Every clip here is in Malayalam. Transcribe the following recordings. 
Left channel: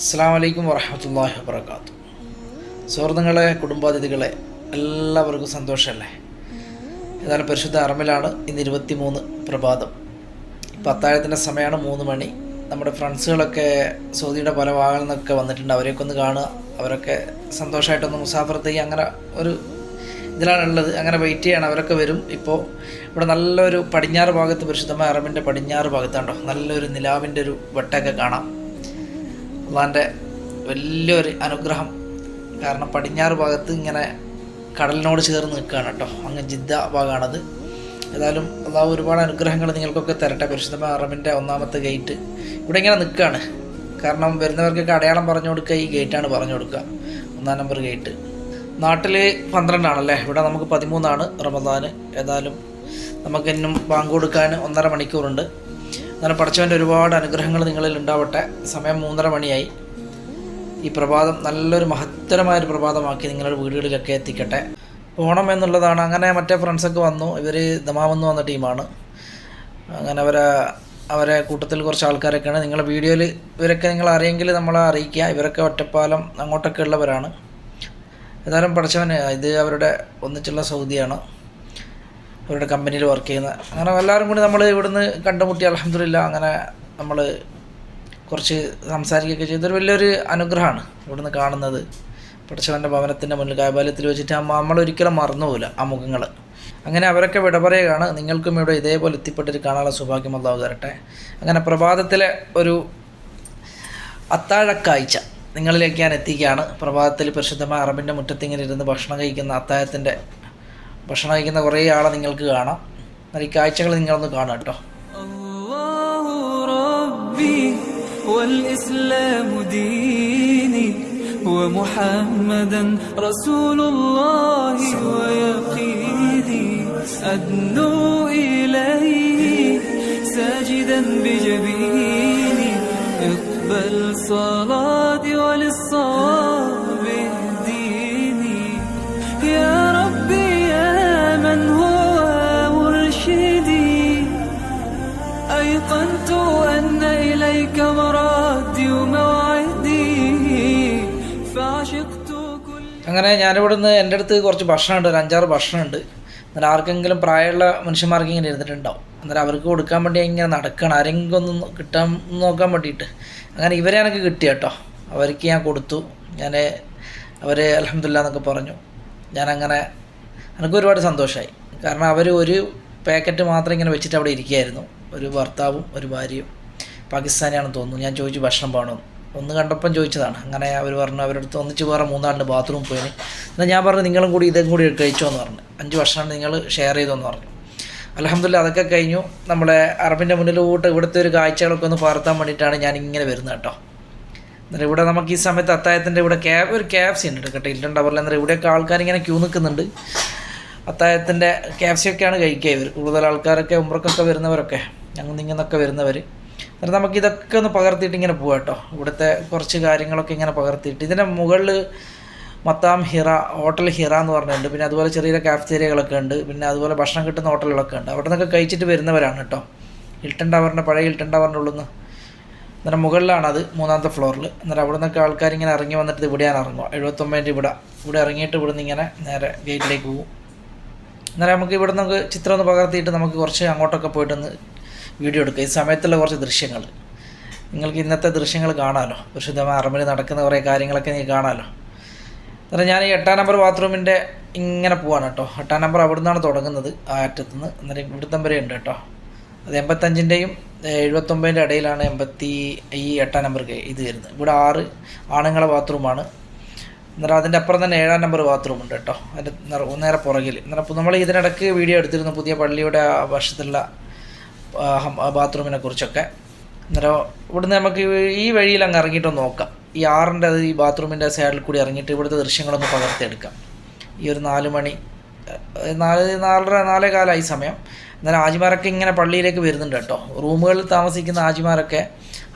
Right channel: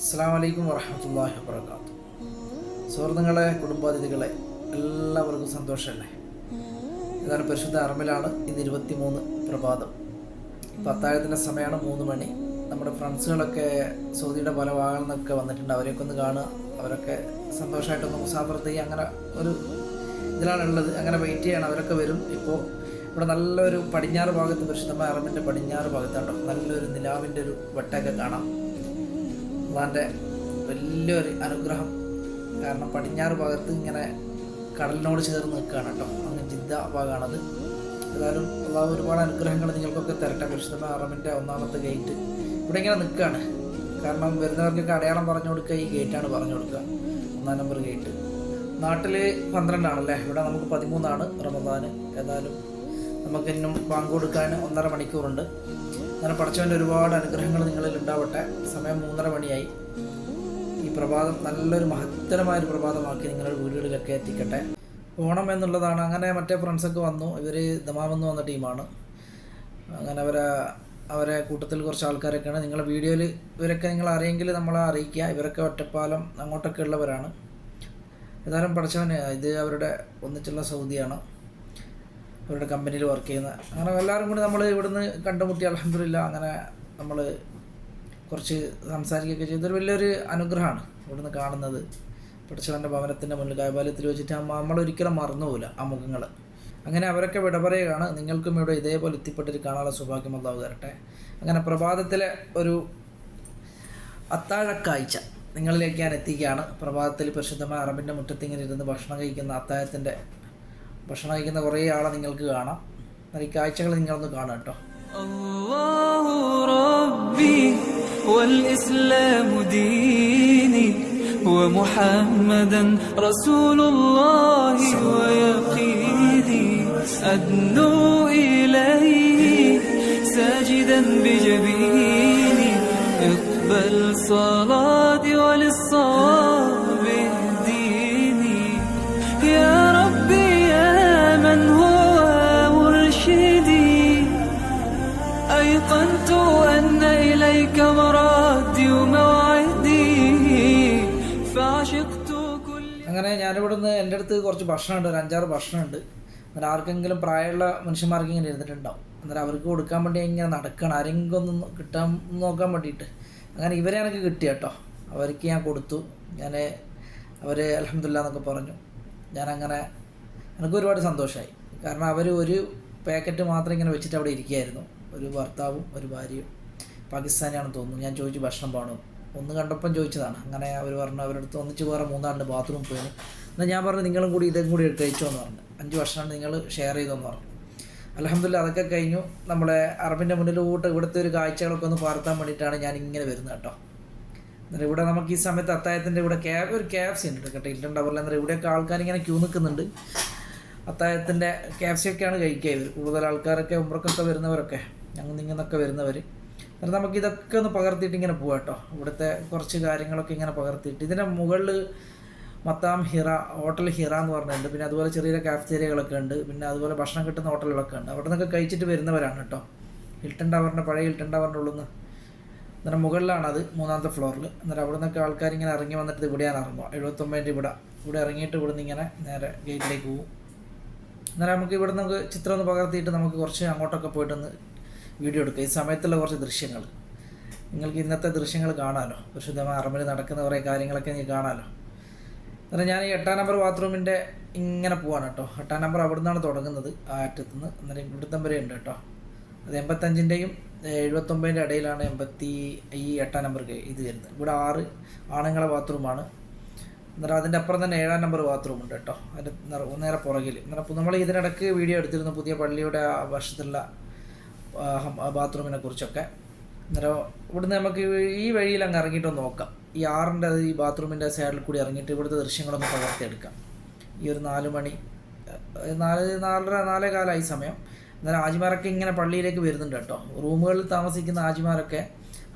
അസ്സലാമു അലൈക്കും വറഹ്മത്തുള്ളാഹി വബറകാതുഹു. സുഹൃത്തുക്കളെ, കുടുംബാതിഥികളെ, എല്ലാവർക്കും സന്തോഷമല്ലേ? ഏതായാലും പരിശുദ്ധ അറമിലാണ് ഇന്ന് 23 പ്രഭാതം. ഇപ്പോൾ അത്താഴത്തിൻ്റെ സമയമാണ് 3 മണി. നമ്മുടെ ഫ്രണ്ട്സുകളൊക്കെ സൗദിയുടെ പല ഭാഗങ്ങളിൽ നിന്നൊക്കെ വന്നിട്ടുണ്ട്. അവരെയൊക്കെ ഒന്ന് കാണുക, അവരൊക്കെ സന്തോഷമായിട്ടൊന്ന് മുസാഫറത്ത് ചെയ്യുക, അങ്ങനെ ഒരു ഇതിലാണുള്ളത്. അങ്ങനെ വെയിറ്റ് ചെയ്യണം, അവരൊക്കെ വരും. ഇപ്പോൾ ഇവിടെ നല്ലൊരു പടിഞ്ഞാറ് ഭാഗത്ത്, പരിശുദ്ധമായ അറമിൻ്റെ പടിഞ്ഞാറ് ഭാഗത്താണ്ടോ നല്ലൊരു നിലാവിൻ്റെ ഒരു വെട്ടമൊക്കെ കാണാം. അള്ളാൻ്റെ വലിയൊരു അനുഗ്രഹം. കാരണം പടിഞ്ഞാറ് ഭാഗത്ത് ഇങ്ങനെ കടലിനോട് ചേർന്ന് നിൽക്കുകയാണ് കേട്ടോ. അങ്ങ് ജിദ്ദ ഭാഗമാണത്. ഏതായാലും അള്ളാഹു ഒരുപാട് അനുഗ്രഹങ്ങൾ നിങ്ങൾക്കൊക്കെ തരട്ടെ. പരിശുദ്ധമായ അറമിൻ്റെ 1ാമത്തെ ഗേറ്റ് ഇവിടെ ഇങ്ങനെ നിൽക്കുകയാണ്. കാരണം വരുന്നവർക്കൊക്കെ അടയാളം പറഞ്ഞു കൊടുക്കുക, ഈ ഗേറ്റാണ് പറഞ്ഞു കൊടുക്കുക, 1ാം നമ്പർ ഗേറ്റ്. നാട്ടിൽ 12 ആണല്ലേ, ഇവിടെ നമുക്ക് 13 റമദാൻ. ഏതായാലും നമുക്ക് ഇന്നും ബാങ്ക് കൊടുക്കാൻ 1.5 മണിക്കൂറുണ്ട്. അങ്ങനെ പഠിച്ചവൻ്റെ ഒരുപാട് അനുഗ്രഹങ്ങൾ നിങ്ങളിൽ ഉണ്ടാവട്ടെ. സമയം 3:30 മണിയായി. ഈ പ്രഭാതം നല്ലൊരു മഹത്തരമായൊരു പ്രഭാതമാക്കി നിങ്ങളുടെ വീടുകളിലൊക്കെ എത്തിക്കട്ടെ. പോകണം എന്നുള്ളതാണ്. അങ്ങനെ മറ്റേ ഫ്രണ്ട്സൊക്കെ വന്നു. ഇവർ ദമാമെന്ന് വന്ന ടീമാണ്. അങ്ങനെ അവരെ കൂട്ടത്തിൽ കുറച്ച് ആൾക്കാരൊക്കെയാണ്. നിങ്ങളുടെ വീഡിയോയിൽ ഇവരൊക്കെ നിങ്ങൾ അറിയെങ്കിൽ നമ്മളെ അറിയിക്കുക. ഇവരൊക്കെ ഒറ്റപ്പാലം അങ്ങോട്ടൊക്കെ ഉള്ളവരാണ്. ഏതായാലും പഠിച്ചവൻ ഇത് അവരുടെ ഒന്നിച്ചുള്ള സൗദിയാണ്, അവരുടെ കമ്പനിയിൽ വർക്ക് ചെയ്യുന്ന. അങ്ങനെ എല്ലാവരും കൂടി നമ്മൾ ഇവിടുന്ന് കണ്ടുമുട്ടി. അൽഹംദുലില്ലാ, അങ്ങനെ നമ്മൾ കുറച്ച് സംസാരിക്കുകയൊക്കെ ചെയ്തൊരു വലിയൊരു അനുഗ്രഹമാണ് ഇവിടുന്ന് കാണുന്നത്. പഠിച്ചവൻ്റെ ഭവനത്തിൻ്റെ മുന്നിൽ കാബാലയത്തിൽ വെച്ചിട്ട് നമ്മളൊരിക്കലും മറന്നുപോകില്ല ആ മുഖങ്ങൾ. അങ്ങനെ അവരൊക്കെ വിട പറയുകയാണ്. നിങ്ങൾക്കും ഇവിടെ ഇതേപോലെ എത്തിപ്പെട്ടിട്ട് കാണാനുള്ള സൗഭാഗ്യം അല്ലാഹു തരട്ടെ. അങ്ങനെ പ്രഭാതത്തിലെ ഒരു അത്താഴക്കാഴ്ച നിങ്ങളിലേക്ക് ഞാൻ എത്തിക്കുകയാണ്. പ്രഭാതത്തിൽ പരിശുദ്ധമായ അറബിൻ്റെ മുറ്റത്തിങ്ങനെ ഇരുന്ന് ഭക്ഷണം കഴിക്കുന്ന കുറേ ആളെ നിങ്ങൾക്ക് കാണാം. എന്നാൽ ഈ കാഴ്ചകൾ നിങ്ങളൊന്ന് കാണാം കേട്ടോ. അല്ലാഹു റബ്ബി വൽ ഇസ്ലാമു ദീനി വമുഹമ്മദൻ റസൂലുള്ളാഹി വയഖീനി അദ്നു ഇലൈഹി സാജിദൻ ബിജബീനി ഇഖ്ബൽ സ്വലാത്തി വലിസ്സവാബ് ഇഹ്ദീനി യാ റബ്ബി യാ മൻ ഹുവ മുർശിദി أيقنت أن إليك مرادي وموعدي فعشقت كل. അങ്ങനെ ഞാനിവിടുന്ന് എൻ്റെ അടുത്ത് കുറച്ച് ഭക്ഷണമുണ്ട്, ഒരു 5-6 ഭക്ഷണമുണ്ട്. എന്നാൽ ആർക്കെങ്കിലും പ്രായമുള്ള മനുഷ്യന്മാർക്ക് ഇങ്ങനെ ഇരുന്നിട്ടുണ്ടാവും. അന്നേരം അവർക്ക് കൊടുക്കാൻ വേണ്ടി ഇങ്ങനെ നടക്കണം, ആരെങ്കിലും ഒന്ന് കിട്ടാൻ നോക്കാൻ വേണ്ടിയിട്ട്. അങ്ങനെ ഇവരെ എനിക്ക് കിട്ടി കേട്ടോ. അവർക്ക് ഞാൻ കൊടുത്തു. അവർ അൽഹംദുലില്ലാ എന്നൊക്കെ പറഞ്ഞു. ഞാനങ്ങനെ എനിക്ക് ഒരുപാട് സന്തോഷമായി. കാരണം അവർ ഒരു പാക്കറ്റ് മാത്രം ഇങ്ങനെ വെച്ചിട്ട് അവിടെ ഇരിക്കുകയായിരുന്നു. ഒരു ഭർത്താവും ഒരു ഭാര്യയും, പാകിസ്ഥാനിയാണെന്ന് തോന്നുന്നു. ഞാൻ ചോദിച്ചു ഭക്ഷണം വേണമെന്ന്. ഒന്ന് കണ്ടപ്പം ചോദിച്ചതാണ്. അങ്ങനെ അവർ പറഞ്ഞു അവരുടെ അടുത്ത് ഒന്നിച്ച് വേറെ 3 ബാത്റൂം പോയി. എന്നാൽ ഞാൻ പറഞ്ഞു നിങ്ങളും കൂടി ഇതും കൂടി കഴിച്ചോ എന്ന് പറഞ്ഞു. 5 ഭക്ഷണം നിങ്ങൾ ഷെയർ ചെയ്തോന്ന് പറഞ്ഞു. അൽഹംദുലില്ലാ അതൊക്കെ കഴിഞ്ഞു. നമ്മുടെ അറബിൻ്റെ മുന്നിലോട്ട് ഇവിടുത്തെ ഒരു കാഴ്ചകളൊക്കെ ഒന്ന് പകർത്താൻ വേണ്ടിയിട്ടാണ് ഞാൻ ഇങ്ങനെ വരുന്നത് കേട്ടോ. എന്നിട്ട് ഇവിടെ നമുക്ക് ഈ സമയത്ത് അത്താഴത്തിൻ്റെ ഇവിടെ ഒരു KFC ഉണ്ട് കേട്ടോ, ഇല്ലൻ ടവറിൽ. എന്നിട്ട് ഇവിടെയൊക്കെ ആൾക്കാരിങ്ങനെ ക്യൂ നിൽക്കുന്നുണ്ട്. അത്താഴത്തിൻ്റെ KFC ഒക്കെയാണ് കഴിക്കുക ഇവർ. കൂടുതൽ ആൾക്കാരൊക്കെ ഉംറക്കൊക്കെ വരുന്നവരൊക്കെ ഇങ്ങനൊക്കെ വരുന്നവർ. എന്നിട്ട് നമുക്കിതൊക്കെ ഒന്ന് പകർത്തിയിട്ട് ഇങ്ങനെ പോകാം കേട്ടോ. ഇവിടുത്തെ കുറച്ച് കാര്യങ്ങളൊക്കെ ഇങ്ങനെ പകർത്തിയിട്ട് ഇതിൻ്റെ മുകളിൽ മത്താം ഹിറ, ഹോട്ടൽ ഹിറ എന്ന് പറഞ്ഞിട്ടുണ്ട്. പിന്നെ അതുപോലെ ചെറിയ കാഫ്റ്റേരിയകളൊക്കെ ഉണ്ട്. പിന്നെ അതുപോലെ ഭക്ഷണം കിട്ടുന്ന ഹോട്ടലുകളൊക്കെ ഉണ്ട്. അവിടെ നിന്നൊക്കെ കഴിച്ചിട്ട് വരുന്നവരാണ് കേട്ടോ. പഴയ ഹിൽട്ടൺ ടവറിൻ്റെ ഉള്ളിൽ നിന്ന്. അന്നേരം മുകളിലാണത്, 3ാമത്തെ ഫ്ലോറിൽ. അന്നേരം അവിടെ നിന്നൊക്കെ ആൾക്കാരിങ്ങനെ ഇറങ്ങി വന്നിട്ട് ഇവിടെയാണ് ഇറങ്ങുക. 79 ഇവിടെ ഇറങ്ങിയിട്ട് ഇവിടുന്ന് ഇങ്ങനെ നേരെ ഗേറ്റിലേക്ക് പോകും. അന്നേരം നമുക്ക് ഇവിടെ നമുക്ക് ചിത്രം ഒന്ന് പകർത്തിയിട്ട് നമുക്ക് കുറച്ച് അങ്ങോട്ടൊക്കെ പോയിട്ടൊന്ന് വീഡിയോ എടുക്കുക. ഈ സമയത്തുള്ള കുറച്ച് ദൃശ്യങ്ങൾ നിങ്ങൾക്ക് ഇന്നത്തെ ദൃശ്യങ്ങൾ കാണാമല്ലോ. പരിശുദ്ധമായ അറമിൽ നടക്കുന്ന കുറേ കാര്യങ്ങളൊക്കെ നിങ്ങൾക്ക് കാണാമല്ലോ. അന്നേരം ഞാൻ ഈ 8ാം നമ്പർ ബാത്റൂമിൻ്റെ ഇങ്ങനെ പോവാണ് കേട്ടോ. 8ാം നമ്പർ അവിടെ നിന്നാണ് തുടങ്ങുന്നത്, ആ അറ്റത്തുനിന്ന്. അന്നേരം ഇവിടുത്തം വരെ ഉണ്ട് കേട്ടോ. അത് 85ൻ്റെയും 79ൻ്റെ ഇടയിലാണ് ഈ 8ാം നമ്പർ ഇത് വരുന്നത്. ഇവിടെ 6 ആണുങ്ങളെ ബാത്റൂമാണ്. അന്നേരം അതിൻ്റെ അപ്പുറം തന്നെ 7ാം നമ്പർ ബാത്റൂം ഉണ്ട് കേട്ടോ, അതിൻ്റെ നേരെ പുറകിൽ. അന്നേരം നമ്മൾ ഇതിനിടയ്ക്ക് വീഡിയോ എടുത്തിരുന്നു പുതിയ പള്ളിയുടെ ആ വശത്തുള്ള ബാത്റൂമിനെ കുറിച്ചൊക്കെ. അന്നേരം ഇവിടുന്ന് നമുക്ക് ഈ വഴിയിൽ അങ്ങ് ഇറങ്ങിയിട്ടൊന്ന് നോക്കാം. ഈ 6ൻ്റെ ഈ ബാത്റൂമിൻ്റെ സൈഡിൽ കൂടി ഇറങ്ങിയിട്ട് ഇവിടുത്തെ ദൃശ്യങ്ങളൊന്ന് പകർത്തിയെടുക്കാം. ഈ ഒരു 4 മണി 4:45 സമയം. അന്നേരം ആജിമാരൊക്കെ ഇങ്ങനെ പള്ളിയിലേക്ക് വരുന്നുണ്ട് കേട്ടോ. റൂമുകളിൽ താമസിക്കുന്ന ആജിമാരൊക്കെ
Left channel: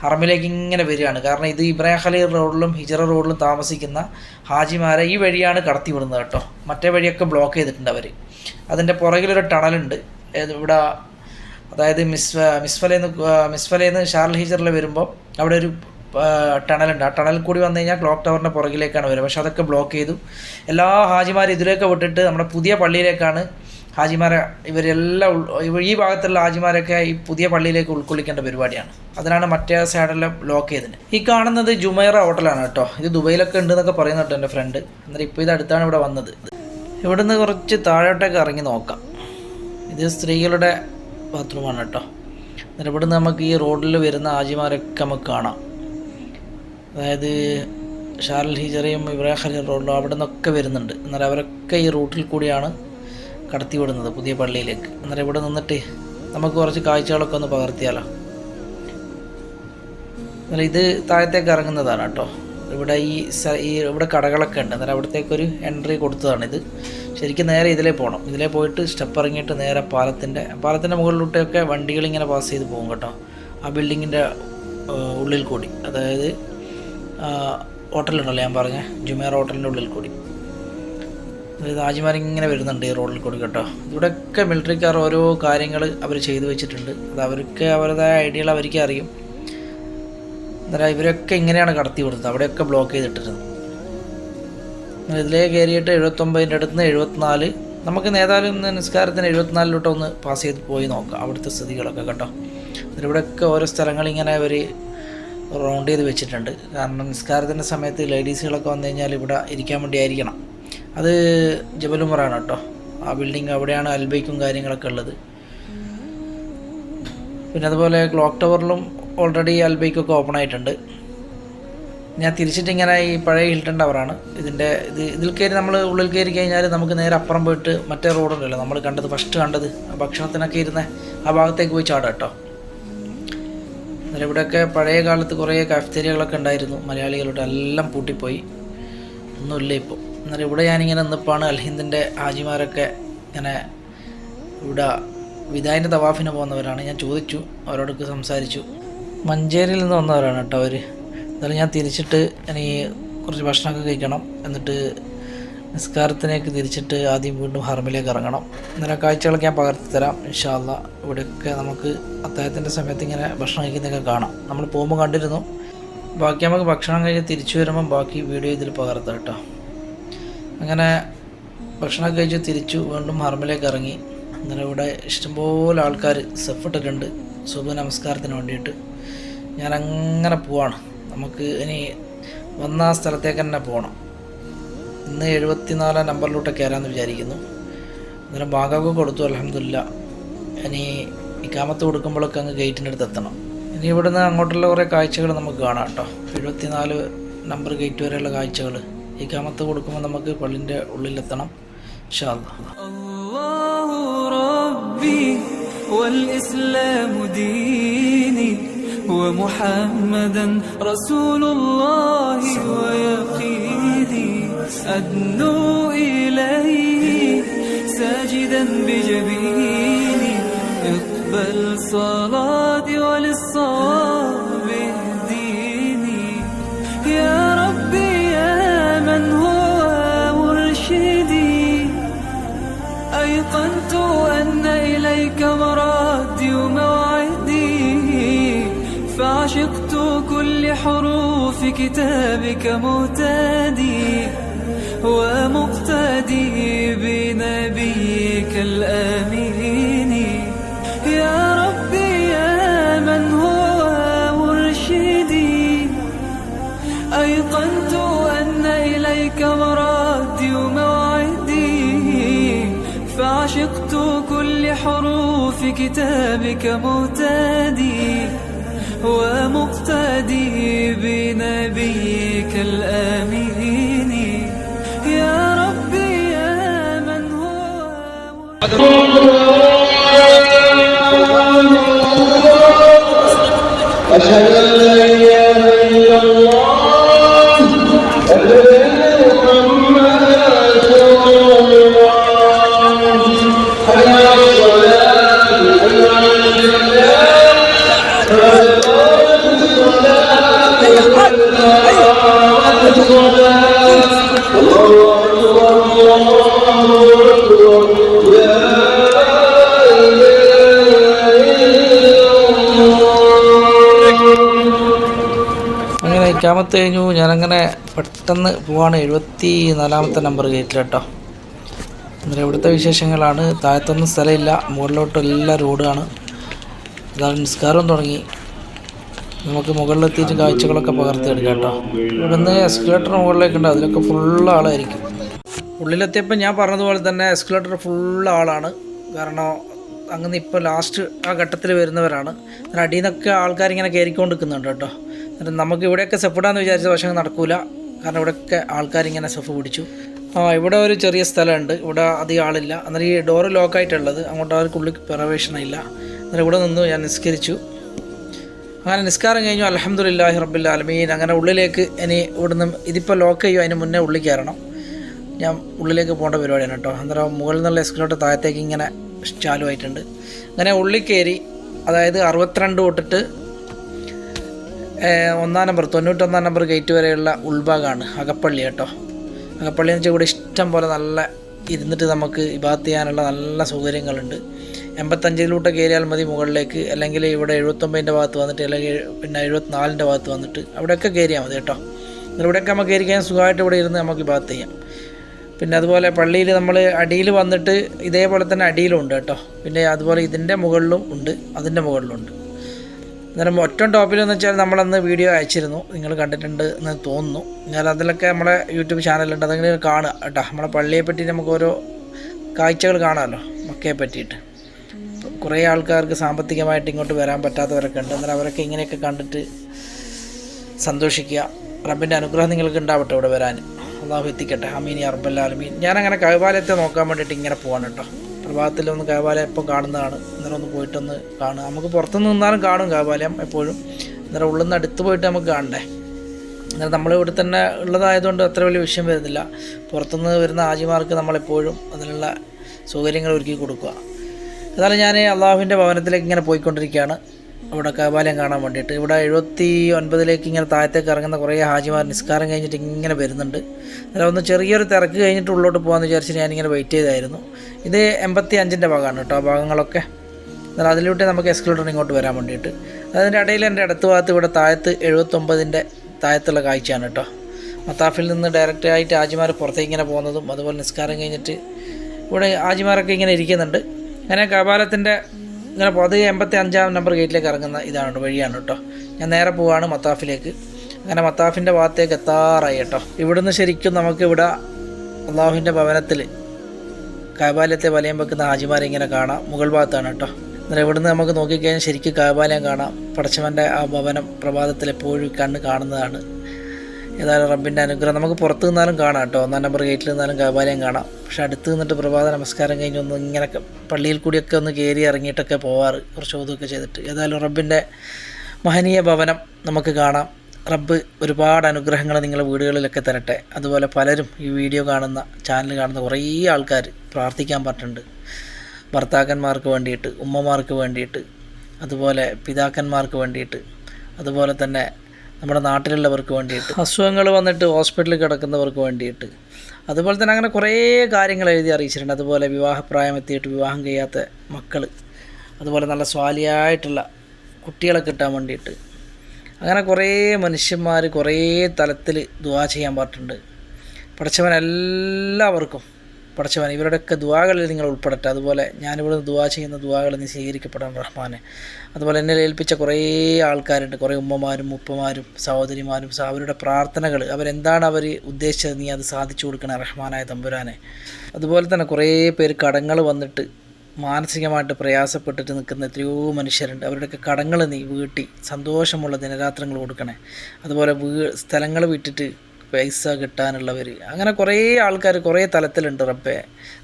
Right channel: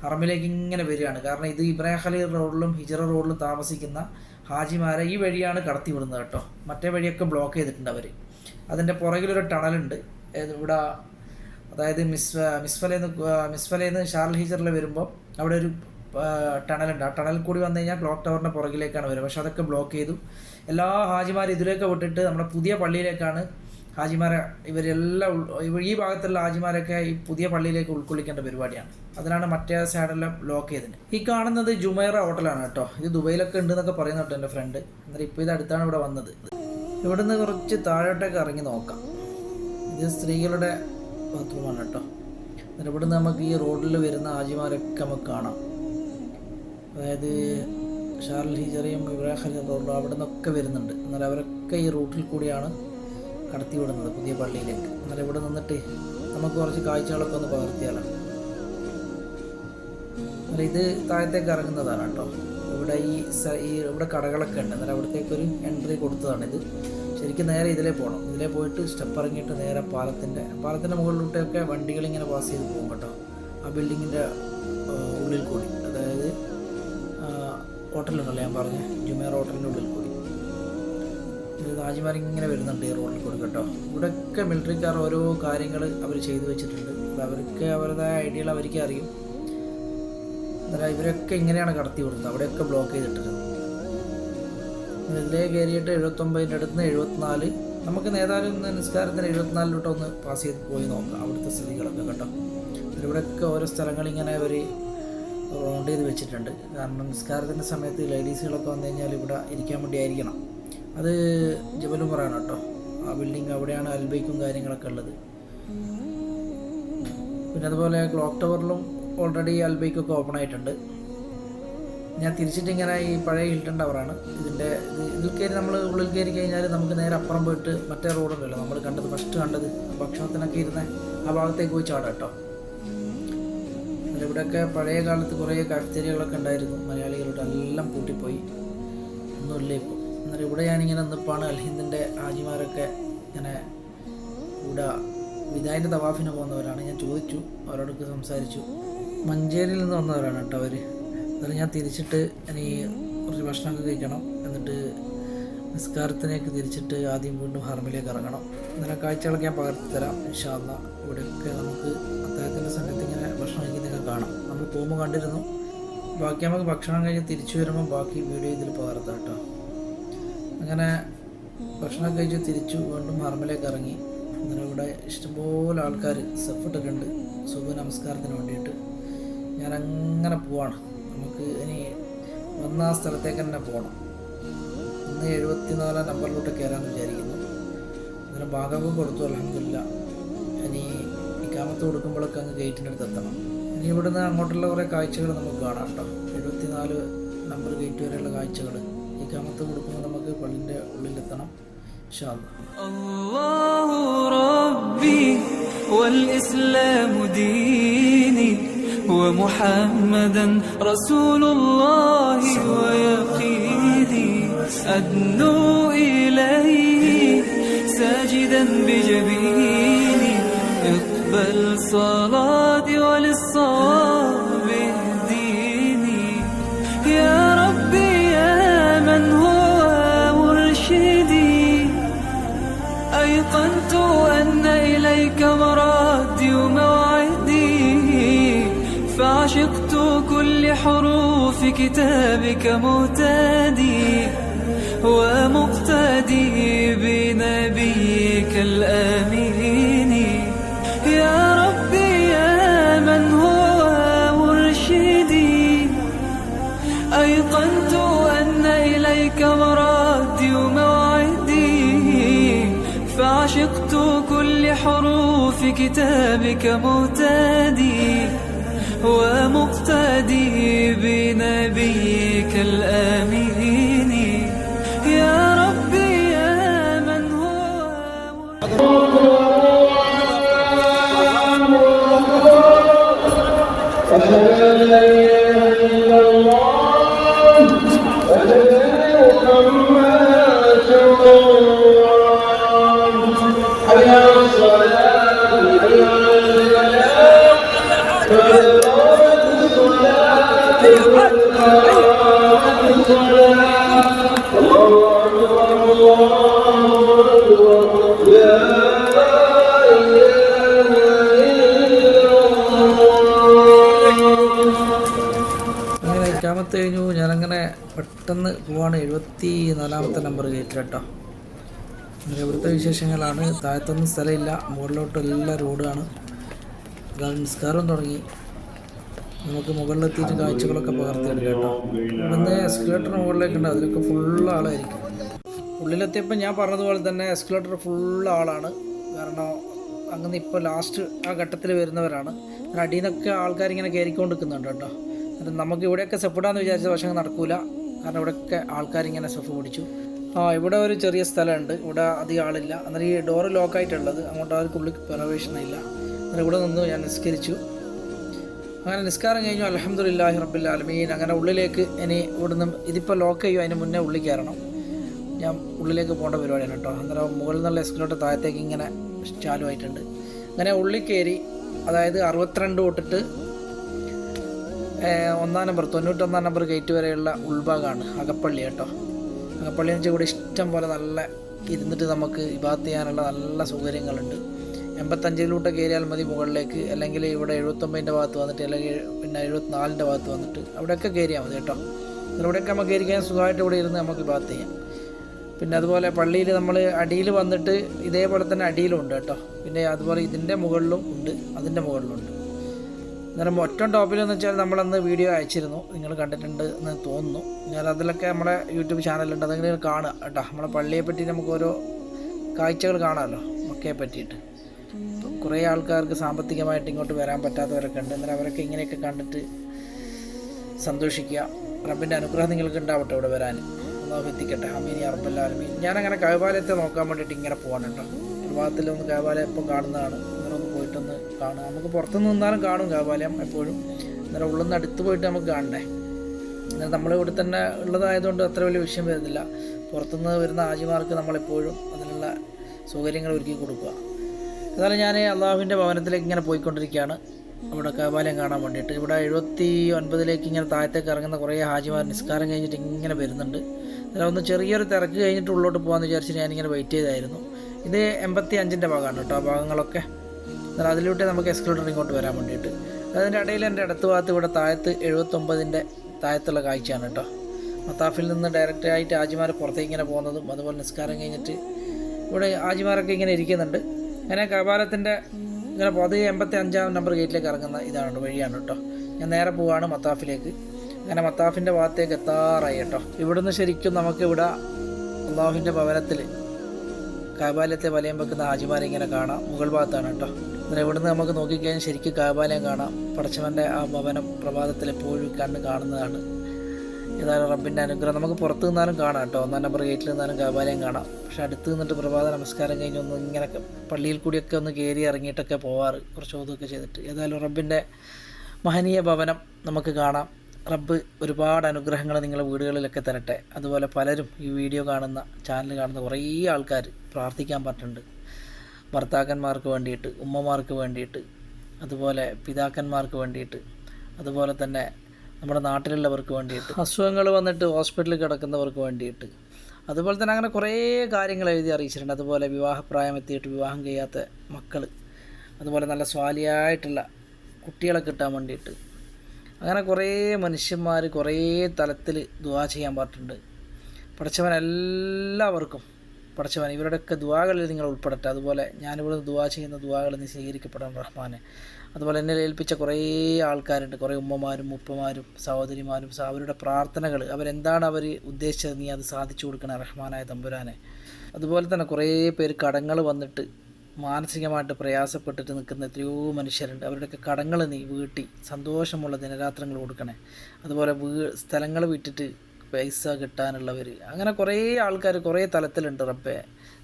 ഹറമിലേക്ക് ഇങ്ങനെ വരികയാണ്. കാരണം ഇത് ഇബ്രാഹിം ഖലീൽ റോഡിലും ഹിജറ റോഡിലും താമസിക്കുന്ന ഹാജിമാരെ ഈ വഴിയാണ് കടത്തി വിടുന്നത് കേട്ടോ. മറ്റേ വഴിയൊക്കെ ബ്ലോക്ക് ചെയ്തിട്ടുണ്ട് അവർ. അതിൻ്റെ പുറകിലൊരു ടണലുണ്ട്. ഇവിടെ അതായത് മിസ്ഫലയിൽ നിന്ന് ഷാർൽ ഹിജറിൽ വരുമ്പോൾ അവിടെ ഒരു ടണലുണ്ട്. ആ ടണലിൽ കൂടി വന്നു കഴിഞ്ഞാൽ ക്ലോക്ക് ടവറിൻ്റെ പുറകിലേക്കാണ് വരിക. പക്ഷേ അതൊക്കെ ബ്ലോക്ക് ചെയ്തു. എല്ലാ ഹാജിമാരും ഇതിലേക്ക് വിട്ടിട്ട് നമ്മുടെ പുതിയ പള്ളിയിലേക്കാണ് ഹാജിമാരെ ഇവരെല്ലാം ഈ ഭാഗത്തുള്ള ഹാജിമാരൊക്കെ ഈ പുതിയ പള്ളിയിലേക്ക് ഉൾക്കൊള്ളിക്കേണ്ട പരിപാടിയാണ്. അതിനാണ് മറ്റേ സൈഡെല്ലാം ബ്ലോക്ക് ചെയ്തത്. ഈ കാണുന്നത് ജുമൈറ ഹോട്ടലാണ് കേട്ടോ. ഇത് ദുബൈയിലൊക്കെ ഉണ്ടെന്നൊക്കെ പറയുന്ന കേട്ടോ എൻ്റെ ഫ്രണ്ട്. എന്നിട്ട് ഇപ്പോൾ ഇത് അടുത്താണ് ഇവിടെ വന്നത്. ഇവിടുന്ന് കുറച്ച് താഴോട്ടൊക്കെ ഇറങ്ങി നോക്കാം. ഇത് സ്ത്രീകളുടെ ബാത്റൂമാണ് കേട്ടോ. എന്നിട്ട് ഇവിടുന്ന് നമുക്ക് ഈ റോഡിൽ വരുന്ന ഹാജിമാരൊക്കെ നമുക്ക് കാണാം. അതായത് ഷാർൽ ഹിജറയും ഇബ്രാഹിം ഖലീൽ റോഡിലും അവിടെ നിന്നൊക്കെ വരുന്നുണ്ട്. എന്നാൽ അവരൊക്കെ ഈ റൂട്ടിൽ കൂടിയാണ് കടത്തി വിടുന്നത് പുതിയ പള്ളിയിലേക്ക്. എന്നാൽ ഇവിടെ നിന്നിട്ട് നമുക്ക് കുറച്ച് കാഴ്ചകളൊക്കെ ഒന്ന് പകർത്തിയാലോ. എന്നാൽ ഇത് താഴത്തേക്ക് ഇറങ്ങുന്നതാണ് കേട്ടോ. ഇവിടെ ഇവിടെ കടകളൊക്കെ ഉണ്ട്. എന്നാൽ അവിടത്തേക്കൊരു എൻട്രി കൊടുത്തതാണിത്. ശരിക്കും നേരെ ഇതിലേ പോകണം. ഇതിലേ പോയിട്ട് സ്റ്റെപ്പ് ഇറങ്ങിയിട്ട് നേരെ പാലത്തിൻ്റെ മുകളിലോട്ടൊക്കെ വണ്ടികളിങ്ങനെ പാസ് ചെയ്ത് പോകും കേട്ടോ. ആ ബിൽഡിങ്ങിൻ്റെ ഉള്ളിൽ കൂടി, അതായത് ഹോട്ടലുണ്ടല്ലോ ഞാൻ പറഞ്ഞ ജുമൈറ ഹോട്ടലിൻ്റെ ഉള്ളിൽ കൂടി. അതായത് ഹാജിമാരിങ്ങനെ വരുന്നുണ്ട് ഈ റോഡിൽ കൂടി കേട്ടോ. ഇവിടെയൊക്കെ മിലിറ്ററിക്കാർ ഓരോ കാര്യങ്ങൾ അവർ ചെയ്തു വെച്ചിട്ടുണ്ട്. അത് അവർക്ക് അവരുടേതായ ഐഡിയകൾ അവർക്ക് അറിയും. അന്നേരം ഇവരൊക്കെ ഇങ്ങനെയാണ് കടത്തി വിടുന്നത്. അവിടെയൊക്കെ ബ്ലോക്ക് ചെയ്തിട്ടിരുന്നത്. ഇതിലേ കയറിയിട്ട് 79ൻ്റെ അടുത്ത് നിന്ന് 74 നമുക്ക് നേതാലും നിസ്കാരത്തിന് 74 ഒന്ന് പാസ് ചെയ്ത് പോയി നോക്കാം അവിടുത്തെ സ്ഥിതികളൊക്കെ കേട്ടോ. ഇവിടെയൊക്കെ ഓരോ സ്ഥലങ്ങളിങ്ങനെ അവർ റൗണ്ട് ചെയ്ത് വെച്ചിട്ടുണ്ട്. കാരണം നിസ്കാരത്തിൻ്റെ സമയത്ത് ലേഡീസുകളൊക്കെ വന്നു കഴിഞ്ഞാൽ ഇവിടെ ഇരിക്കാൻ വേണ്ടി ആയിരിക്കണം. അത് ജബലുമറാണ് കേട്ടോ. ആ ബിൽഡിങ് അവിടെയാണ് അൽബൈക്കും കാര്യങ്ങളൊക്കെ ഉള്ളത്. പിന്നെ അതുപോലെ ക്ലോക്ക് ടവറിലും ഓൾറെഡി അൽബൈക്കൊക്കെ ഓപ്പൺ ആയിട്ടുണ്ട്. ഞാൻ തിരിച്ചിട്ടിങ്ങനെ ഈ പഴയ ഹിൽട്ടൺ ടവറാണ് ഇതിൽ കയറി നമ്മൾ ഉള്ളിൽ കയറി കഴിഞ്ഞാൽ നമുക്ക് നേരെ അപ്പുറം പോയിട്ട് മറ്റേ റോഡുണ്ടല്ലോ നമ്മൾ ഫസ്റ്റ് കണ്ടത് ഭക്ഷണത്തിനൊക്കെ ഇരുന്ന ആ ഭാഗത്തേക്ക് പോയി ചാടാം കേട്ടോ. ഇവിടെയൊക്കെ പഴയ കാലത്ത് കുറേ കാഫ്റ്റേരിയകളൊക്കെ ഉണ്ടായിരുന്നു മലയാളികളുടെ, എല്ലാം പൂട്ടിപ്പോയി, ഒന്നുമില്ല ഇപ്പോൾ. എന്നാലും ഇവിടെ ഞാനിങ്ങനെ നിന്നപ്പോഴാണ് അൽഹിന്ദിൻ്റെ ഹാജിമാരൊക്കെ ഇങ്ങനെ ഇവിടെ വിദായിൻ്റെ തവാഫിന് പോകുന്നവരാണ്. ഞാൻ ചോദിച്ചു, അവരോടൊക്കെ സംസാരിച്ചു. മഞ്ചേരിയിൽ നിന്ന് വന്നവരാണ് കേട്ടോ അവർ. എന്നാലും ഞാൻ തിരിച്ചിട്ട് ഇനി കുറച്ച് ഭക്ഷണമൊക്കെ കഴിക്കണം. എന്നിട്ട് നിസ്കാരത്തിലേക്ക് തിരിച്ചിട്ട് ആദ്യം വീണ്ടും ഹറമിലേക്ക് ഇറങ്ങണം. ഇന്നലെ കാഴ്ചകളൊക്കെ ഞാൻ പകർത്തി തരാം ഇൻഷാ അല്ലാ. ഇവിടെയൊക്കെ നമുക്ക് അത്താഴത്തിൻ്റെ സമയത്ത് ഇങ്ങനെ ഭക്ഷണം കഴിക്കുന്നതൊക്കെ കാണാം. നമ്മൾ പോകുമ്പോൾ കണ്ടിരുന്നു. ബാക്കി നമുക്ക് ഭക്ഷണം കഴിഞ്ഞ് തിരിച്ചു വരുമ്പം ബാക്കി വീഡിയോ ഇതിൽ പകർത്താം കേട്ടോ. അങ്ങനെ ഭക്ഷണം കഴിച്ച് തിരിച്ചു വീണ്ടും ഹറമിലേക്ക് ഇറങ്ങി. ഇന്നലെ ഇവിടെ ഇഷ്ടംപോലെ ആൾക്കാർ സെഫിട്ടിട്ടുണ്ട് സുബഹ് നമസ്കാരത്തിന് വേണ്ടിയിട്ട്. ഞാൻ അങ്ങനെ പോവാണ്. നമുക്ക് ഇനി വന്ന ആ സ്ഥലത്തേക്ക് തന്നെ പോകണം. ഇന്ന് 74 നമ്പറിലോട്ടൊക്കെ കയറാമെന്ന് വിചാരിക്കുന്നു. അന്നേരം ഭാഗമൊക്കെ കൊടുത്തു അൽഹംദുലില്ലാ. ഇനി ഇക്കാമത്ത് കൊടുക്കുമ്പോഴൊക്കെ അങ്ങ് ഗേറ്റിൻ്റെ അടുത്ത് എത്തണം. ഇനി ഇവിടുന്ന് അങ്ങോട്ടുള്ള കുറേ കാഴ്ചകൾ നമുക്ക് കാണാം കേട്ടോ. 74 നമ്പർ ഗേറ്റ് വരെയുള്ള കാഴ്ചകൾ. ഇക്കാമത്ത് കൊടുക്കുമ്പോൾ നമുക്ക് പള്ളിൻ്റെ ഉള്ളിലെത്തണം ഇൻഷാ അല്ലാഹ്. അല്ലാഹു റബ്ബി വൽ ഇസ്ലാമു ദീനി ومحمدا رسول الله ويقيني أدنو إليه ساجدا بجبيني اقبل صلاتي وللصواب اهديني يا ربي يا من هو مرشدي أيقنت أن إليك مرادي وموعدي فعشقت كل حروف كتابك مهتدي ومقتدي بنبيك الآمين يا ربي يا من هو مرشدي أيقنت أن إليك مرادي وموعدي فعشقت كل حروف كتابك مهتدي ومقتدي بنبيك الآمين يا ربي يا من هو أشهد أن لا إله إلا الله وأن محمدا رسول الله حي على الصلاة حي على الفلاح 4-ാമത്തെ കഴിഞ്ഞു. ഞാനങ്ങനെ പെട്ടെന്ന് പോവാണ് 74-ാമത്തെ നമ്പർ ഗേറ്റിൽ കേട്ടോ. അന്നേരം ഇവിടുത്തെ വിശേഷങ്ങളാണ്. താഴത്തൊന്നും സ്ഥലമില്ല, മുകളിലോട്ട് എല്ലാം റോഡാണ്. അതാണ് നിസ്കാരവും തുടങ്ങി. നമുക്ക് മുകളിലെത്തിയിട്ട് കാഴ്ചകളൊക്കെ പകർത്തെടുക്കാം കേട്ടോ. ഇവിടുന്ന് എസ്കലേറ്റർ മുകളിലേക്കുണ്ട്, അതിലൊക്കെ ഫുള്ള് ആളായിരിക്കും. ഉള്ളിലെത്തിയപ്പോൾ ഞാൻ പറഞ്ഞതുപോലെ തന്നെ എസ്കലേറ്റർ ഫുള്ള് ആളാണ്. കാരണം അങ്ങനെ ഇപ്പോൾ ലാസ്റ്റ് ആ ഘട്ടത്തിൽ വരുന്നവരാണ്. അടിയിൽ നിന്നൊക്കെ ആൾക്കാരിങ്ങനെ കയറിക്കൊണ്ട് നിൽക്കുന്നുണ്ട് കേട്ടോ. എന്നിട്ട് നമുക്ക് ഇവിടെയൊക്കെ സെഫിടാന്ന് വിചാരിച്ച പക്ഷേ നടക്കൂല. കാരണം ഇവിടെയൊക്കെ ആൾക്കാരിങ്ങനെ സെഫ് പിടിച്ചു. ഇവിടെ ഒരു ചെറിയ സ്ഥലമുണ്ട്, ഇവിടെ അധികം ആളില്ല. അന്നേരം ഈ ഡോറ് ലോക്കായിട്ടുള്ളത്, അങ്ങോട്ട് അവർക്കുള്ളിൽ പ്രവേശനമില്ല. അന്നേരം ഇവിടെ നിന്ന് ഞാൻ നിസ്കരിച്ചു. അങ്ങനെ നിസ്കാരം കഴിഞ്ഞു. അൽഹംദുലില്ലാഹി റബ്ബിൽ ആലമീൻ. അങ്ങനെ ഉള്ളിലേക്ക് ഇനി ഇവിടുന്ന് ഇതിപ്പോൾ ലോക്ക് ചെയ്യും, അതിന് മുന്നേ ഉള്ളിൽ കയറണം. ഞാൻ ഉള്ളിലേക്ക് പോകേണ്ട പരിപാടിയാണ് കേട്ടോ. അന്നേരം മുകളിൽ നിന്നുള്ള എസ്കലേറ്റർ താഴത്തേക്ക് ഇങ്ങനെ ചാലുമായിട്ടുണ്ട്. അങ്ങനെ ഉള്ളിൽ കയറി, അതായത് 62 തൊട്ടിട്ട് 1-ാം നമ്പർ 91-ാം നമ്പർ ഗേറ്റ് വരെയുള്ള ഉൾഭാഗമാണ് അകപ്പള്ളി കേട്ടോ. അകപ്പള്ളി എന്ന് വെച്ചാൽ ഇവിടെ ഇഷ്ടം പോലെ നല്ല ഇരുന്നിട്ട് നമുക്ക് ഇബാദത്ത് ചെയ്യാനുള്ള നല്ല സൗകര്യങ്ങളുണ്ട്. 85-ലൂട്ട് കയറിയാൽ മതി മുകളിലേക്ക്, അല്ലെങ്കിൽ ഇവിടെ 79-ൻ്റെ ഭാഗത്ത് വന്നിട്ട്, അല്ലെങ്കിൽ പിന്നെ 74-ൻ്റെ ഭാഗത്ത് വന്നിട്ട് അവിടെയൊക്കെ കയറിയാൽ മതി കേട്ടോ. ഇവിടെയൊക്കെ നമുക്ക് കയറി കഴിഞ്ഞാൽ സുഖമായിട്ട് ഇവിടെ ഇരുന്ന് നമുക്ക് ഇബാദത്ത് ചെയ്യാം. പിന്നെ അതുപോലെ പള്ളിയിൽ നമ്മൾ അടിയിൽ വന്നിട്ട് ഇതേപോലെ തന്നെ അടിയിലുണ്ട് കേട്ടോ. പിന്നെ അതുപോലെ ഇതിൻ്റെ മുകളിലും ഉണ്ട്, അതിൻ്റെ മുകളിലുണ്ട്. അന്നേരം ഒറ്റ ടോപ്പിലെന്ന് വെച്ചാൽ നമ്മളന്ന് വീഡിയോ അയച്ചിരുന്നു, നിങ്ങൾ കണ്ടിട്ടുണ്ട് എന്ന് തോന്നുന്നു. ഞാൻ അതിലൊക്കെ നമ്മളെ യൂട്യൂബ് ചാനലുണ്ട്, അതെങ്ങനെ കാണുക കേട്ടോ. നമ്മളെ പള്ളിയെ പറ്റി നമുക്ക് ഓരോ കാഴ്ചകൾ കാണാമല്ലോ, മക്കയെ പറ്റിയിട്ട്. കുറേ ആൾക്കാർക്ക് സാമ്പത്തികമായിട്ട് ഇങ്ങോട്ട് വരാൻ പറ്റാത്തവരൊക്കെ ഉണ്ട്. അന്നേരം അവരൊക്കെ ഇങ്ങനെയൊക്കെ കണ്ടിട്ട് സന്തോഷിക്കുക. റബ്ബിൻ്റെ അനുഗ്രഹം നിങ്ങൾക്ക് ഉണ്ടാവട്ടെ ഇവിടെ വരാൻ. അള്ളാഹു എത്തിക്കട്ടെ. ആമീൻ യാ റബ്ബൽ ആലമീൻ. ഞാനങ്ങനെ കഅബാലയത്തെ നോക്കാൻ വേണ്ടിയിട്ട് ഇങ്ങനെ പോവാണ് കേട്ടോ. പ്രഭാതത്തിലൊന്ന് കഅബാലയം ഇപ്പോൾ കാണുന്നതാണ്. അന്നേരം ഒന്ന് പോയിട്ടൊന്ന് കാണുക. നമുക്ക് പുറത്തുനിന്ന് നിന്നാലും കാണും കഅബാലയം എപ്പോഴും. അന്നേരം ഉള്ളിൽ നിന്ന് അടുത്ത് പോയിട്ട് നമുക്ക് കാണണ്ടേ. അന്നേരം നമ്മളിവിടെ തന്നെ ഉള്ളതായതുകൊണ്ട് അത്ര വലിയ വിഷയം വരുന്നില്ല. പുറത്തുനിന്ന് വരുന്ന ഹാജിമാർക്ക് നമ്മളെപ്പോഴും അതിനുള്ള സൗകര്യങ്ങൾ ഒരുക്കി കൊടുക്കുക. എന്നാലും ഞാൻ അള്ളാഹുവിൻ്റെ ഭവനത്തിലേക്ക് ഇങ്ങനെ പോയിക്കൊണ്ടിരിക്കുകയാണ്, ഇവിടെ കഅബാലയം കാണാൻ വേണ്ടിയിട്ട്. ഇവിടെ 79-ലേക്ക് ഇങ്ങനെ താഴത്തേക്ക് ഇറങ്ങുന്ന കുറേ ഹാജിമാർ നിസ്കാരം കഴിഞ്ഞിട്ട് ഇങ്ങനെ വരുന്നുണ്ട്. അന്നേരം ഒന്ന് ചെറിയൊരു തിരക്ക് കഴിഞ്ഞിട്ട് ഉള്ളോട്ട് പോകാമെന്ന് വിചാരിച്ചിട്ട് ഞാനിങ്ങനെ വെയിറ്റ് ചെയ്തായിരുന്നു. ഇത് 85-ൻ്റെ ഭാഗമാണ് കേട്ടോ, ആ ഭാഗങ്ങളൊക്കെ. എന്നാൽ അതിലൂടെ നമുക്ക് എസ്കലേറ്റർ ഇങ്ങോട്ട് വരാൻ വേണ്ടിയിട്ട്. അതിൻ്റെ ഇടയിൽ എൻ്റെ അടുത്ത ഭാഗത്ത് ഇവിടെ താഴത്ത് 79-ൻ്റെ താഴത്തുള്ള കാഴ്ചയാണ് കേട്ടോ. മത്താഫിൽ നിന്ന് ഡയറക്റ്റ് ആയിട്ട് ഹാജിമാർ പുറത്തേക്ക് ഇങ്ങനെ പോകുന്നതും, അതുപോലെ നിസ്കാരം കഴിഞ്ഞിട്ട് ഇവിടെ ഹാജിമാരൊക്കെ ഇങ്ങനെ ഇരിക്കുന്നുണ്ട്. അങ്ങനെ കഅബാലയത്തിൻ്റെ ഇങ്ങനെ പൊതുവെ 85-ാം നമ്പർ ഗേറ്റിലേക്ക് ഇറങ്ങുന്ന ഇതാണ് വഴിയാണ് കേട്ടോ. ഞാൻ നേരെ പോവാണ് മത്താഫിലേക്ക്. അങ്ങനെ മത്താഫിൻ്റെ ഭാഗത്തേക്ക് എത്താറായി കേട്ടോ. ഇവിടുന്ന് ശരിക്കും നമുക്ക് ഇവിടെ അള്ളാഹുവിൻ്റെ ഭവനത്തിൽ കഅബാലയത്തെ വലയം വെക്കുന്ന ഹാജിമാരെ ഇങ്ങനെ കാണാം. മുകൾ ഭാഗത്താണ് കേട്ടോ. അന്നേരം ഇവിടുന്ന് നമുക്ക് നോക്കിക്കഴിഞ്ഞാൽ ശരിക്കും കഅബാലയം കാണാം. പടച്ചവൻ്റെ ആ ഭവനം പ്രഭാതത്തിൽ എപ്പോഴും കണ്ണ് കാണുന്നതാണ്. ഏതായാലും റബ്ബിൻ്റെ അനുഗ്രഹം. നമുക്ക് പുറത്ത് നിന്നാലും കാണാം കേട്ടോ. 1-ാം നമ്പർ ഗേറ്റിൽ നിന്നാലും കഅബാലയം കാണാം. പക്ഷെ അടുത്ത് നിന്നിട്ട് പ്രഭാത നമസ്കാരം കഴിഞ്ഞ് ഒന്ന് ഇങ്ങനെയൊക്കെ പള്ളിയിൽ കൂടിയൊക്കെ ഒന്ന് കയറി ഇറങ്ങിയിട്ടൊക്കെ പോവാറ്, കുറച്ച് ഓതൊക്കെ ചെയ്തിട്ട്. ഏതായാലും റബ്ബിൻ്റെ മഹനീയ ഭവനം നമുക്ക് കാണാം. റബ്ബ് ഒരുപാട് അനുഗ്രഹങ്ങൾ നിങ്ങളുടെ വീടുകളിലൊക്കെ തരട്ടെ. അതുപോലെ പലരും ഈ വീഡിയോ കാണുന്ന, ചാനൽ കാണുന്ന കുറേ ആൾക്കാർ പ്രാർത്ഥിക്കാൻ പറഞ്ഞിട്ടുണ്ട്. ഭർത്താക്കന്മാർക്ക് വേണ്ടിയിട്ട്, ഉമ്മമാർക്ക് വേണ്ടിയിട്ട്, അതുപോലെ പിതാക്കന്മാർക്ക് വേണ്ടിയിട്ട്, അതുപോലെ തന്നെ നമ്മുടെ നാട്ടിലുള്ളവർക്ക് വേണ്ടിയിട്ട്, അസുഖങ്ങൾ വന്നിട്ട് ഹോസ്പിറ്റലിൽ കിടക്കുന്നവർക്ക് വേണ്ടിയിട്ട്, അതുപോലെ തന്നെ അങ്ങനെ കുറേ കാര്യങ്ങൾ എഴുതി അറിയിച്ചിട്ടുണ്ട്. അതുപോലെ വിവാഹപ്രായം എത്തിയിട്ട് വിവാഹം കഴിയാത്ത മക്കൾ, അതുപോലെ നല്ല സ്വാലിയായിട്ടുള്ള കുട്ടികളെ കിട്ടാൻ വേണ്ടിയിട്ട്, അങ്ങനെ കുറേ മനുഷ്യന്മാർ കുറേ തലത്തിൽ ദുആ ചെയ്യാൻ പറഞ്ഞിട്ടുണ്ട്. പടച്ചവൻ എല്ലാവർക്കും, പടച്ചവൻ ഇവരുടെയൊക്കെ ദുആകളിൽ നിങ്ങൾ ഉൾപ്പെടട്ടെ. അതുപോലെ ഞാനിവിടെ ദുആ ചെയ്യുന്ന ദുആകൾ നീ സ്വീകരിക്കപ്പെടാൻ റഹ്മാനെ. അതുപോലെ എന്നെ ഏൽപ്പിച്ച കുറേ ആൾക്കാരുണ്ട്, കുറേ ഉമ്മമാരും ഉപ്പമാരും സഹോദരിമാരും. അവരുടെ പ്രാർത്ഥനകൾ, അവരെന്താണ് അവർ ഉദ്ദേശിച്ചത്, നീ അത് സാധിച്ചു കൊടുക്കണേ റഹ്മാനായ തമ്പുരാനെ. അതുപോലെ തന്നെ കുറേ പേര് കടങ്ങൾ വന്നിട്ട് മാനസികമായിട്ട് പ്രയാസപ്പെട്ടിട്ട് നിൽക്കുന്ന എത്രയോ മനുഷ്യരുണ്ട്. അവരുടെയൊക്കെ കടങ്ങൾ നീ വീട്ടി സന്തോഷമുള്ള ദിനരാത്രങ്ങൾ കൊടുക്കണേ. അതുപോലെ സ്ഥലങ്ങൾ വിട്ടിട്ട് പൈസ കിട്ടാനുള്ളവർ, അങ്ങനെ കുറേ ആൾക്കാർ കുറേ തലത്തിലുണ്ട് റബ്ബേ.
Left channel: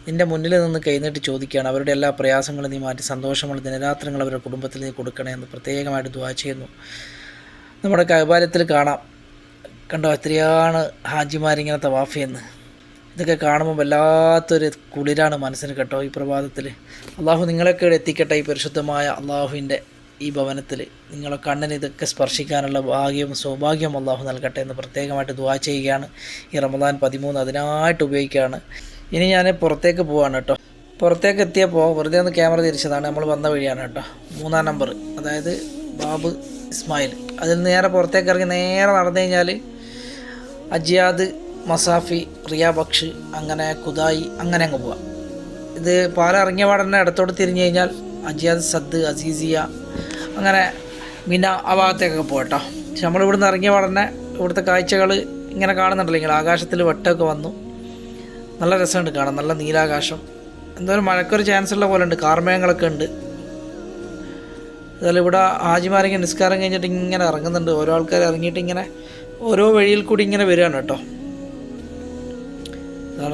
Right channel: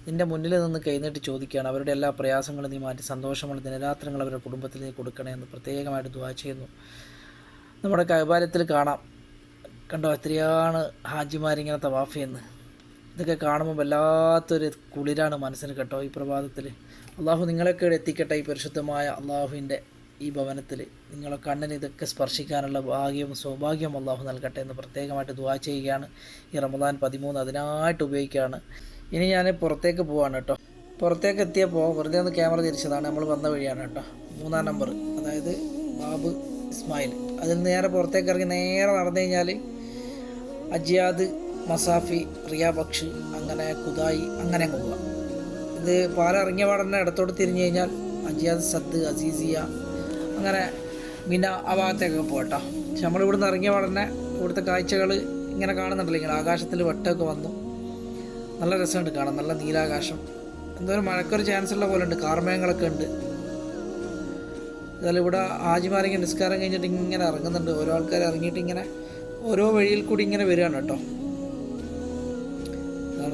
നിൻ്റെ മുന്നിൽ നിന്ന് കൈനീട്ടി ചോദിക്കുകയാണ്. അവരുടെ എല്ലാ പ്രയാസങ്ങളും നീ മാറ്റി സന്തോഷമുള്ള ദിനരാത്രങ്ങൾ അവരുടെ കുടുംബത്തിൽ നീ കൊടുക്കണേ എന്ന് പ്രത്യേകമായിട്ട് ദുആ ചെയ്യുന്നു. നമ്മുടെ കഅബാലയത്തിൽ കാണാം, കണ്ടോ എത്രയാണ് ഹാജിമാരിങ്ങനെ തവാഫ് ചെയ്യുന്നത്. ഇതൊക്കെ കാണുമ്പോൾ വല്ലാത്തൊരു കുളിരാണ് മനസ്സിന് കേട്ടോ. ഈ പ്രഭാതത്തിൽ അള്ളാഹു നിങ്ങളൊക്കെ എത്തിക്കട്ടെ. ഈ പരിശുദ്ധമായ അള്ളാഹുവിൻ്റെ ഈ ഭവനത്തിൽ നിങ്ങളെ കണ്ണിന് ഇതൊക്കെ സ്പർശിക്കാനുള്ള ഭാഗ്യവും സൗഭാഗ്യവും അള്ളാഹു നൽകട്ടെ എന്ന് പ്രത്യേകമായിട്ട് ദുആ ചെയ്യുകയാണ്. ഈ റമദാൻ 13 അതിനായിട്ട് ഉപയോഗിക്കുകയാണ്. ഇനി ഞാൻ പുറത്തേക്ക് പോവാണ് കേട്ടോ. പുറത്തേക്ക് എത്തിയപ്പോൾ വെറുതെ ഒന്ന് ക്യാമറ തിരിച്ചതാണ്. നമ്മൾ വന്ന വഴിയാണ് കേട്ടോ. 3-ാം നമ്പർ, അതായത് ബാബ് ഇസ്മായിൽ, അതിൽ നേരെ പുറത്തേക്ക് ഇറങ്ങി നേരെ നടന്നു കഴിഞ്ഞാൽ അജിയാദ്, മസാഫി, റിയാബക്ഷ്, അങ്ങനെ കുദായി, അങ്ങനെ അങ്ങ് പോവാം. ഇത് പാലം ഇറങ്ങിയ പാടന്നെ ഇടത്തോട്ട് തിരിഞ്ഞു കഴിഞ്ഞാൽ അജിയാദ്, സദ്, അസീസിയ, അങ്ങനെ മിന ആ ഭാഗത്തേക്കൊക്കെ പോകട്ടോ. പക്ഷെ നമ്മളിവിടുന്ന് ഇറങ്ങിയ പാടന്നെ ഇവിടുത്തെ കാഴ്ചകൾ ഇങ്ങനെ കാണുന്നുണ്ടല്ലോ, ഇങ്ങനെ ആകാശത്തിൽ വെട്ടമൊക്കെ വന്നു, നല്ല രസമുണ്ട് കാണാൻ, നല്ല നീലാകാശം. എന്തായാലും മഴക്കൊരു ചാൻസ് ഉള്ള പോലെ ഉണ്ട്, കാർമേഘങ്ങളൊക്കെ ഉണ്ട്. അതുപോലെ ഇവിടെ ഹാജിമാരെങ്കിൽ നിസ്കാരം കഴിഞ്ഞിട്ട് ഇങ്ങനെ ഇറങ്ങുന്നുണ്ട്, ഓരോ ആൾക്കാർ ഇറങ്ങിയിട്ട് ഇങ്ങനെ ഓരോ വഴിയിൽ കൂടി ഇങ്ങനെ വരികയാണ് കേട്ടോ.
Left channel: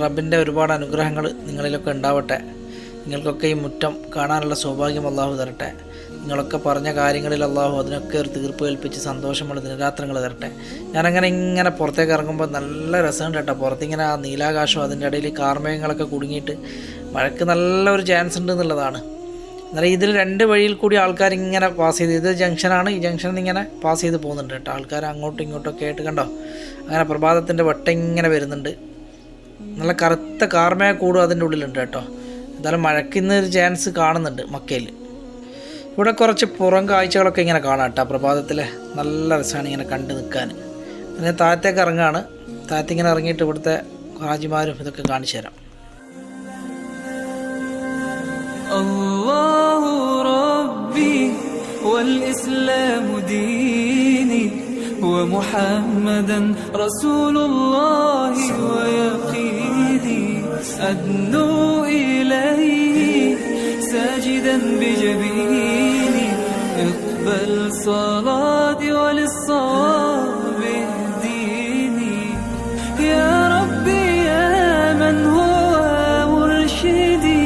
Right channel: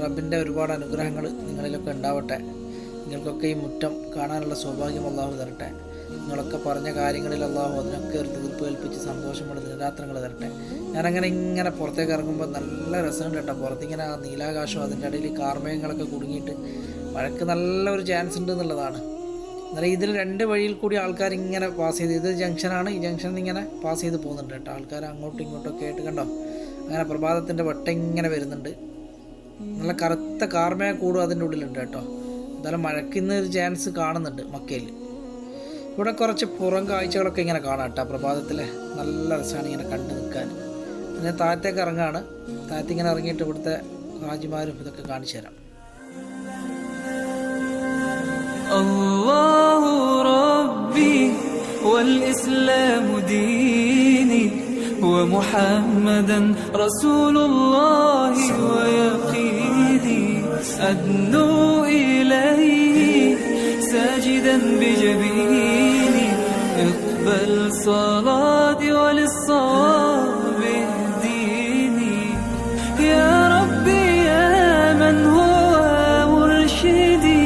റബ്ബിൻ്റെ ഒരുപാട് അനുഗ്രഹങ്ങൾ നിങ്ങളിലൊക്കെ ഉണ്ടാവട്ടെ. നിങ്ങൾക്കൊക്കെ ഈ മുറ്റം കാണാനുള്ള സൗഭാഗ്യം അള്ളാഹു തരട്ടെ. നിങ്ങളൊക്കെ പറഞ്ഞ കാര്യങ്ങളിൽ അള്ളാഹു അതിനൊക്കെ ഒരു തീർപ്പ് കൽപ്പിച്ച് സന്തോഷമുള്ള ദിനരാത്രങ്ങൾ തരട്ടെ. ഞാനങ്ങനെ ഇങ്ങനെ പുറത്തേക്ക് ഇറങ്ങുമ്പോൾ നല്ല രസമുണ്ട് കേട്ടോ. പുറത്തിങ്ങനെ ആ നീലാകാശം, അതിൻ്റെ ഇടയിൽ കാർമേഘങ്ങളൊക്കെ കുടുങ്ങിയിട്ട് മഴയ്ക്ക് നല്ലൊരു ചാൻസ് ഉണ്ട് എന്നുള്ളതാണ്. അന്നേരം ഇതിൽ 2 വഴിയിൽ കൂടി ആൾക്കാർ ഇങ്ങനെ പാസ് ചെയ്ത്, ഇത് ജംഗ്ഷനാണ്, ഈ ജംഗ്ഷനിൽ നിന്ന് ഇങ്ങനെ പാസ് ചെയ്ത് പോകുന്നുണ്ട് കേട്ടോ. ആൾക്കാർ അങ്ങോട്ടും ഇങ്ങോട്ടൊക്കെ ആയിട്ട് കണ്ടോ, അങ്ങനെ പ്രഭാതത്തിൻ്റെ വട്ടം ഇങ്ങനെ വരുന്നുണ്ട്. നല്ല കറുത്ത കാർമേഘ കൂടും അതിൻ്റെ ഉള്ളിലുണ്ട് കേട്ടോ. എന്തായാലും മഴയ്ക്ക് ഇന്നൊരു ചാൻസ് കാണുന്നുണ്ട് മക്കയിൽ. ഇവിടെ കുറച്ച് പുറം കാഴ്ചകളൊക്കെ ഇങ്ങനെ കാണാം കേട്ടോ. പ്രഭാതത്തിൽ നല്ല രസമാണ് ഇങ്ങനെ കണ്ടു നിൽക്കാൻ. പിന്നെ താഴത്തേക്ക് ഇറങ്ങുകയാണ്. താഴത്തേക്കിങ്ങനെ ഇറങ്ങിയിട്ട് ഇവിടുത്തെ ഹാജിമാരും ഇതൊക്കെ കാണിച്ചു തരാം. الله ربي والإسلام ديني ومحمدا رسول الله ويقيني أدنو إليه ساجدا بجبيني اقبل صلاتي وللصواب اهديني يا ربي يا من هو مرشدي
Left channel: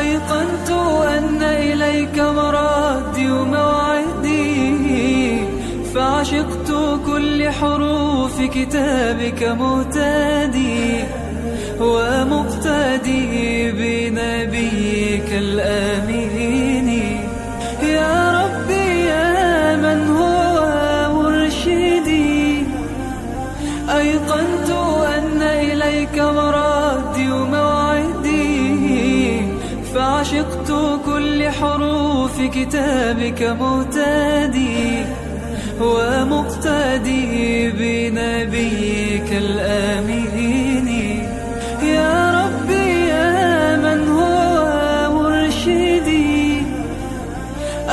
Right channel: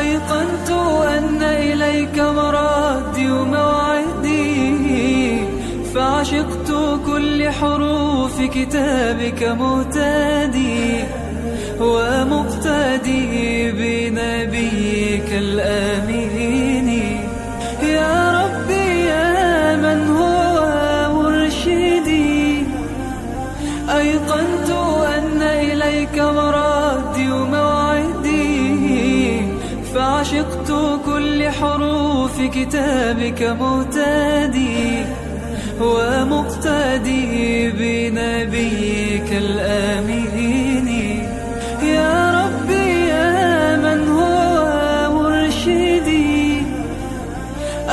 أيقنت أن إليك مرادي وموعدي فعشقت كل حروف كتابك مهتدي ومقتدي بنبيك الآمين يا ربي يا من هو مرشدي أيقنت أن إليك مرادي وموعدي فعشقت كل حروف كتابك مهتدي ومقتدي بنبيك الآمين يا ربي يا من هو مرشدي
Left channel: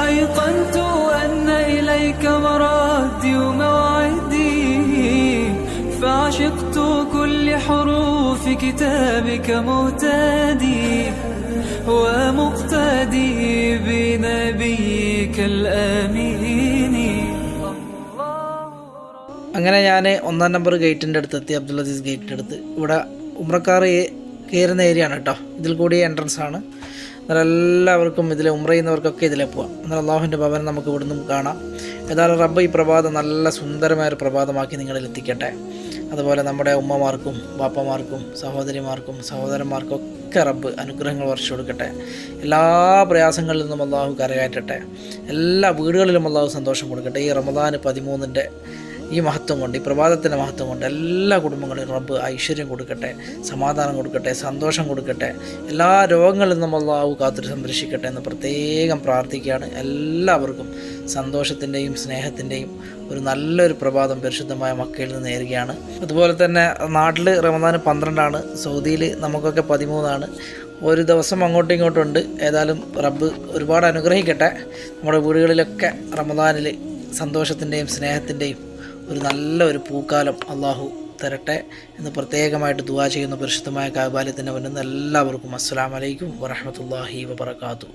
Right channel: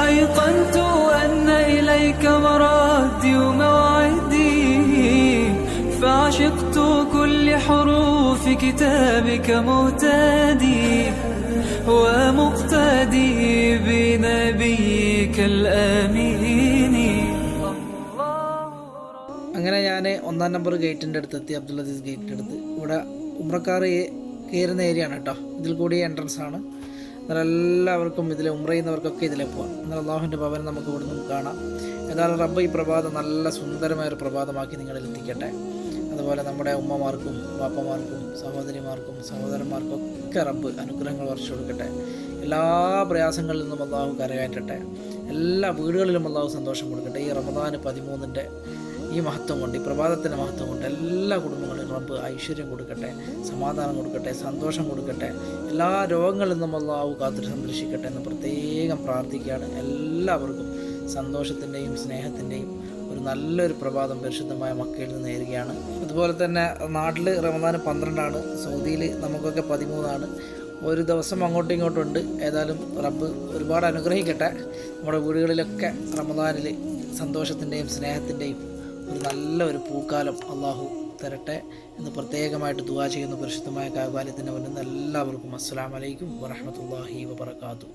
أيقنت أن إليك مرادي وموعدي فعشقت كل حروف كتابك مهتدي ومقتدي بنبيك الآمين. അങ്ങനെ ഞാൻ 1-ാം നമ്പർ ഗേറ്റിൻ്റെ അടുത്തെത്തി, അബ്ദുൽ അസീസ് ഗേറ്റിൻ്റെ അടുത്ത്. ഇവിടെ ഉംറക്കാർ കയറുന്ന ഏരിയ ആണ് കേട്ടോ. ഇതിൽ കൂടി എൻട്രൻസ് ആണ്. എന്നാൽ എല്ലാവർക്കും ഇതിൽ ഉംറ ചെയ്യുന്നവർക്കൊക്കെ ഇതിലെ പോവാം. എന്നാൽ അള്ളാഹുവിൻ്റെ ഭവനം നമുക്ക് ഇവിടുന്ന് കാണാം. ഏതായാലും റബ്ബ് ഈ പ്രഭാതം നല്ല സുന്ദരമായൊരു പ്രഭാതമാക്കി നിങ്ങളിൽ എത്തിക്കട്ടെ. അതുപോലെ നമ്മുടെ ഉമ്മമാർക്കും ബാപ്പമാർക്കും സഹോദരിമാർക്കും സഹോദരന്മാർക്കും ഒക്കെ റബ്ബ് അനുഗ്രഹങ്ങൾ വർഷിച്ചു കൊടുക്കട്ടെ. എല്ലാ പ്രയാസങ്ങളിൽ നിന്നും അള്ളാഹു കരകയറ്റട്ടെ. എല്ലാ വീടുകളിലും അള്ളാഹു സന്തോഷം കൊടുക്കട്ടെ. ഈ റമദാൻ 13-ൻ്റെ ഈ മഹത്വം കൊണ്ട്, ഈ പ്രഭാതത്തിൻ്റെ മഹത്വം കൊണ്ട് എല്ലാ കുടുംബങ്ങളിലും റബ്ബ് ഐശ്വര്യം കൊടുക്കട്ടെ, സമാധാനം കൊടുക്കട്ടെ, സന്തോഷം കൊടുക്കട്ടെ. എല്ലാ രോഗങ്ങളിൽ നിന്നും അള്ളാഹു കാത്തു സംരക്ഷിക്കട്ടെ എന്ന് പ്രത്യേകം പ്രാർത്ഥിക്കുകയാണ്. എല്ലാവർക്കും സന്തോഷത്തിൻ്റെയും സ്നേഹത്തിൻ്റെയും ഒരു നല്ലൊരു പ്രഭാതം പരിശുദ്ധമായ മക്കയിൽ നിന്ന് നേരുകയാണ്. അതുപോലെ തന്നെ നാട്ടിൽ റമദാൻ 12-ആണ്, സൗദിയിൽ നമുക്കൊക്കെ 13-ആണ്. ഒരു ദിവസം അങ്ങോട്ടും ഇങ്ങോട്ടും ഉണ്ട്. ഏതായാലും റബ്ബ് ഒരുപാട് അനുഗ്രഹിക്കട്ടെ. നമ്മുടെ വീടുകളിലൊക്കെ റമദാനിൽ സന്തോഷത്തിൻ്റെയും സ്നേഹത്തിൻ്റെയും ഒരു നല്ലൊരു പൂക്കാലം അള്ളാഹു തരട്ടെ എന്ന് പ്രത്യേകമായിട്ട് ദുആ ചെയ്യുന്ന പരിശുദ്ധമായ കാബാലയത്തിൻ്റെ മുന്നിൽ എല്ലാവർക്കും അസ്സലാമു അലൈക്കും വറഹ്മത്തുള്ളാഹി വബറകാതുഹു.